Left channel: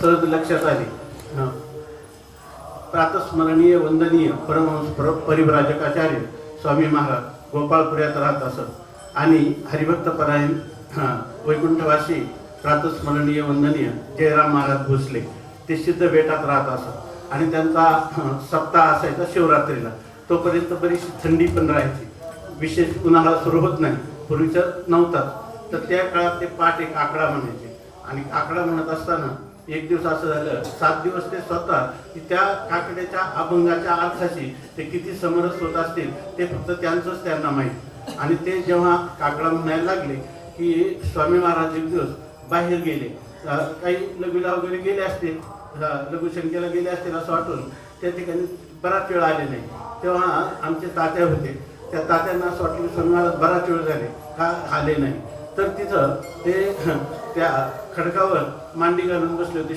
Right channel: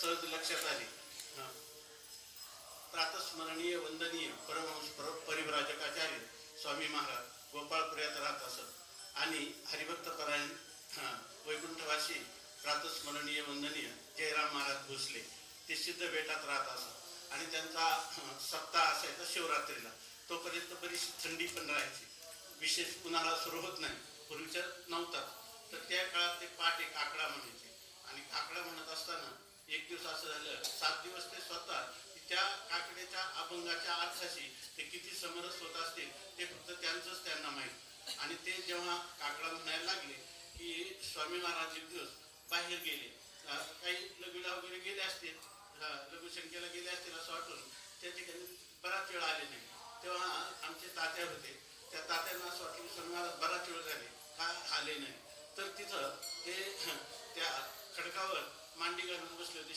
सहज लक्षात आली. प्रातस्मरणीय वंदनीय परमहंस परिव्राजकाचार्य स्वामी महाराज गोपाळपुऱ्यात राहत असत आणि हरिभक्तपरायण वैकुंठवासी प्रातस्मरणीय वंदनीय जयराम महाराज भोसले ते सिद्ध बेटात राहत असत आणि त्यांचा सप्ताह असायचा शिवरात्रीला. तोपर्यंत बरीचशी थंडी पण राहायची, विशेष उन्हाळा सुरू होत नाही, पूर्वीचं नव्हताच. तर त्या काळात ते पाठ एक आकडा म्हणायचे आणि आकडा म्हणत असताना एक दिवस असं झालं, 7 दिवस ते स्वतः त्या काकड्याच्या अभंगाच्या अर्थाशी ते किती समरस होत असतील ते फक्त त्यांचंच त्यांना माहीत. आणि ते जेव्हा काकडा म्हणायला लागले की स्वामी महाराज एक दिवस बाहेर गेले, काही लघवीला वगैरे गेले असतील, लघुशंकेला गेले असतील असं वाटून त्या ठिकाणी बराच वेळ आले नाही. तेव्हा आमचे तात्या होते, त्या तात्यांना असं वाटलं की स्वामी महाराज बराच वेळ झाले का आले नाही. तर तिथं ते त्या खडकावर मांडी घालून बसले होते.